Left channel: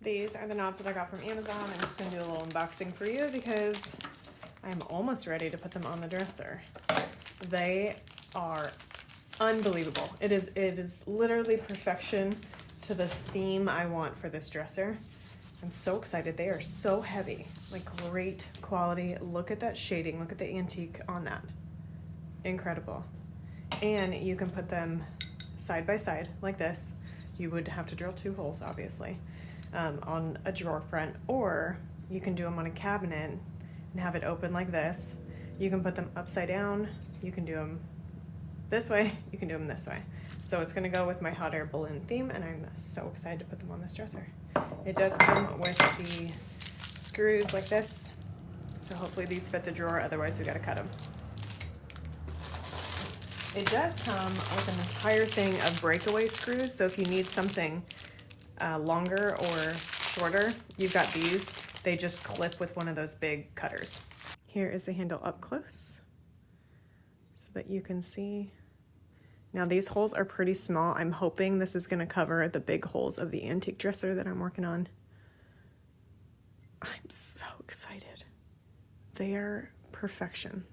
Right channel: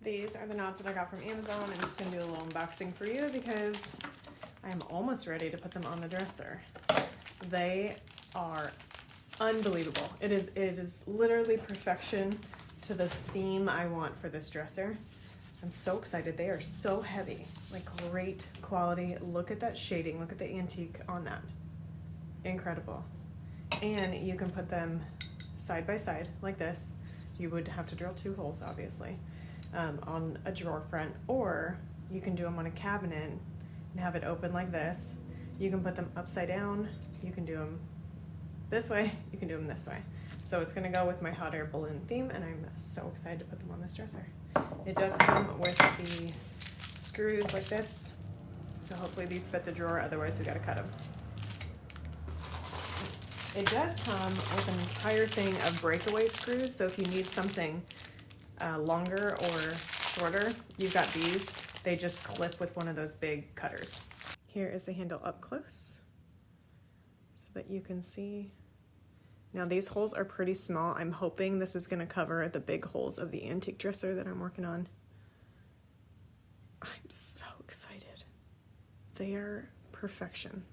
These are the knobs that I got from Amazon. I'm just gonna do a little unboxing for you because I'm almost ready to put them on the dresser. They are unbelievable. It is literally perfection to the theme I want for this dresser. I'm so excited. They are so heavy, like great quality. Look at that shading. Look at the antique on that. Incredible. And you can put them side by side like this. You would have to drill 2 holes, obviously, on a drawer front, or you can do them on a cabinet and have it open like this. You can put them upside down. You can do them this way. You can do them this way. So it's gonna go with my hot air balloon theme, and I'm so excited to put them on this dresser. It does come with the screws like this. So hopefully these fit the drawer, otherwise we gotta cut them. It does come with an entire thing of breakaway screws, so if you need something longer or shorter, you've got these. They just clip with one of those big cutters. Here is the handle up close so that you can see. Now these holes are pretty small. I'm hoping this is going to cover the big holes of the antique dresser that I'm working on. I'm so excited. They're perfection.